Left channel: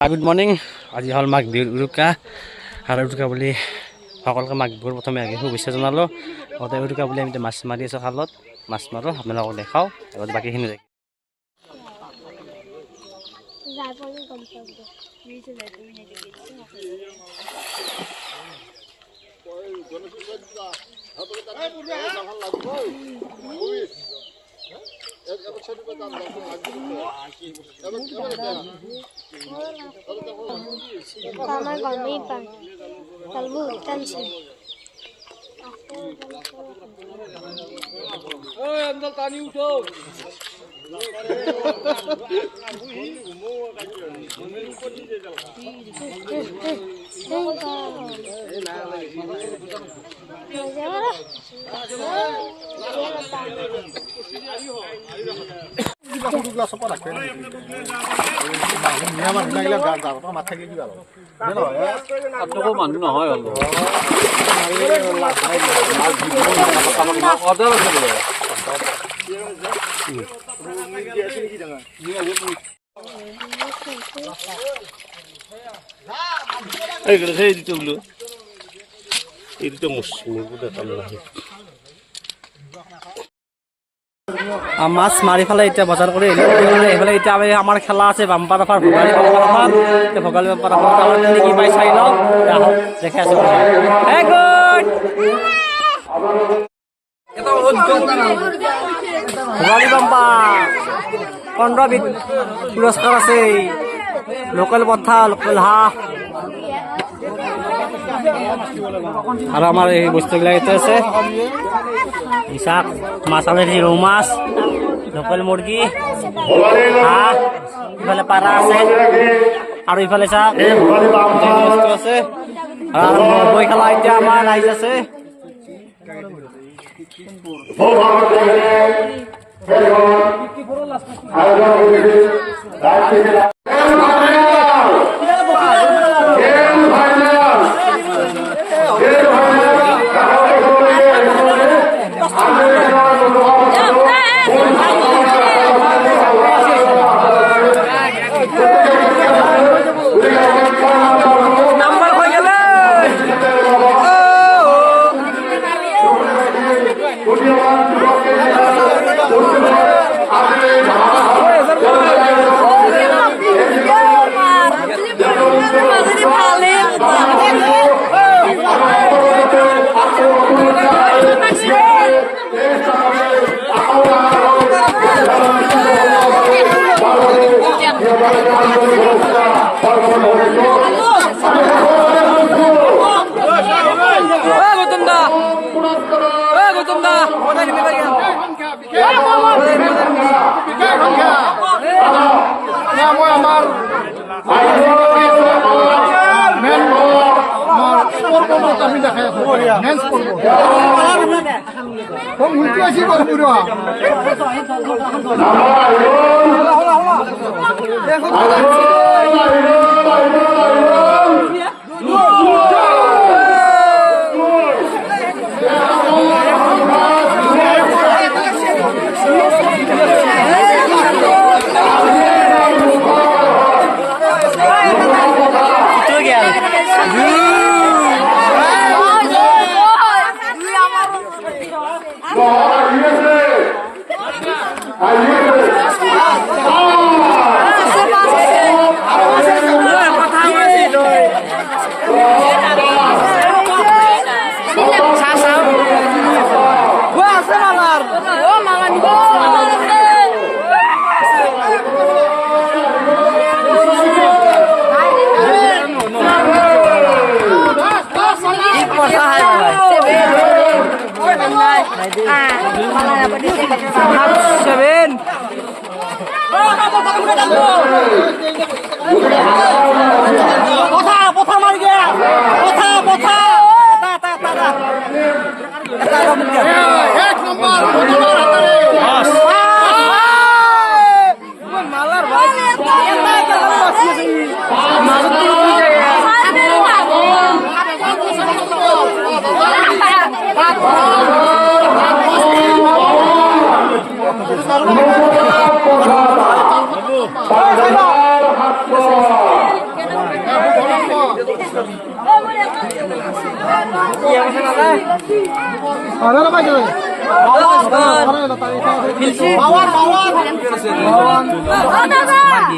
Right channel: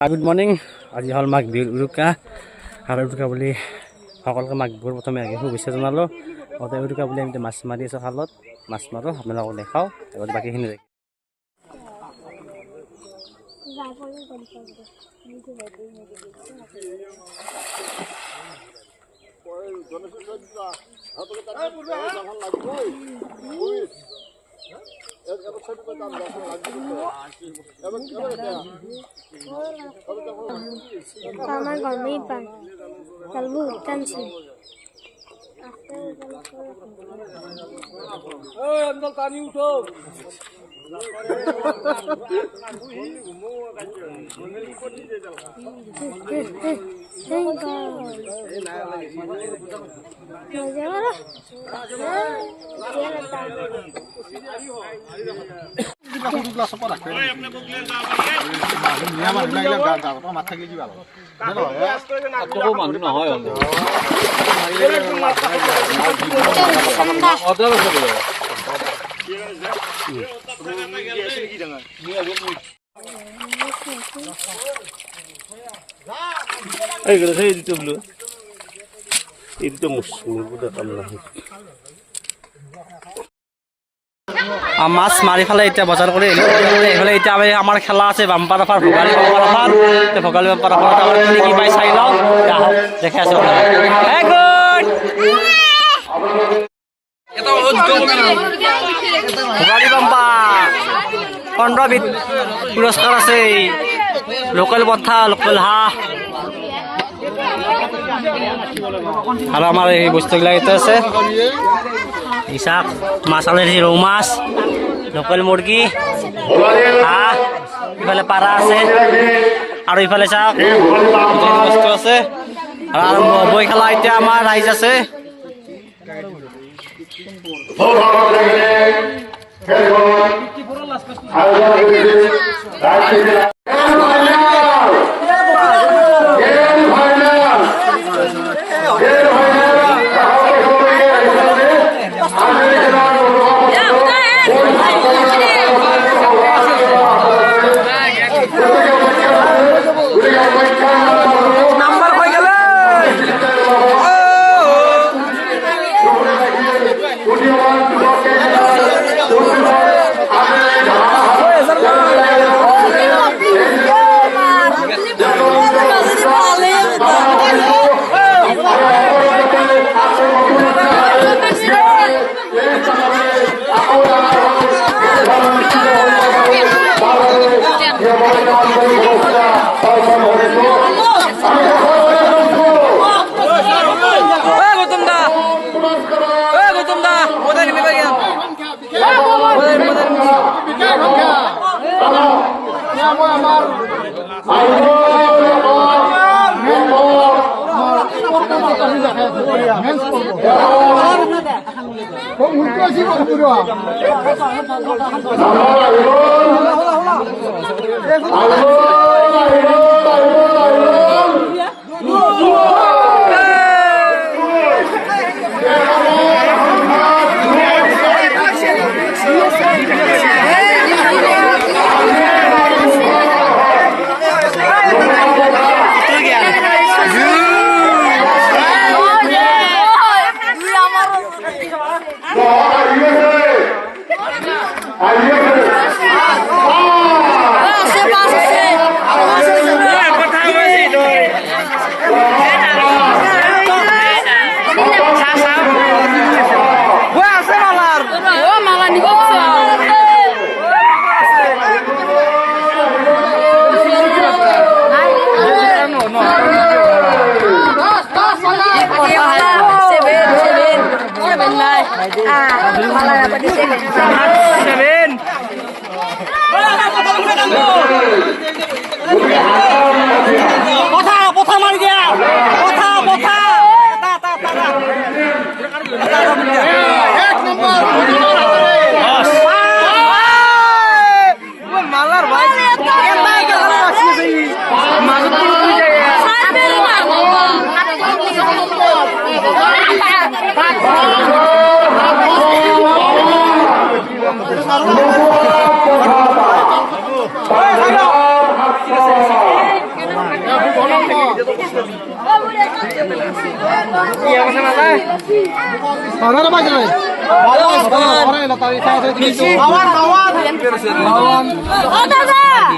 Good morning. আজি হ'ল মাঘ বিহুৰ উৰুকা আৰু উৰুকা বুলি সকলোকে মাঘ বিহুৰ প্ৰথমে আগে শুভেচ্ছা জনালোঁ। লগতে উৰুকা বুলি আমি মাছ মাৰি আছোঁ, খালত মাছ মাৰোঁ, আপোনালোকক দেখাওঁ। আগতে বাকীখিনি দেখি আমাৰ গৰমেই পান চলবো টানছি अंदर पानी उठो মানুহ নহয় মাছ মাৰি পেলাই এতিয়া বজাৰ কৰি আহিলোঁ। এইফালে এতিয়া আমাৰ খেলা আছে bumper offer, Bhogali bumper offer. Bhogali bumper অফাৰত আমাৰ কি কি পাই চাই লওঁ, দেখি আছোঁ। ভোগালী বাম্পাৰ 15বিধ পুৰস্কাৰ আছে। লোকেল পঠা, লোকেল হাঁহ আৰু আমাৰ এই বস্তুবিলাক এতিয়া আছে। ইচাক মাছ আনিছে, ৰৌ মাছ, লোকেল মুৰ্গী, হাঁহ, ইফালে পাৰা আছে আৰু ইফালে চাক গোটেইখিনি বস্তু আছে। আৰু আৰম্ভ হ'বই খেলা। এতিয়া আমাৰ ৰাইজ আছে। Oh, dadah.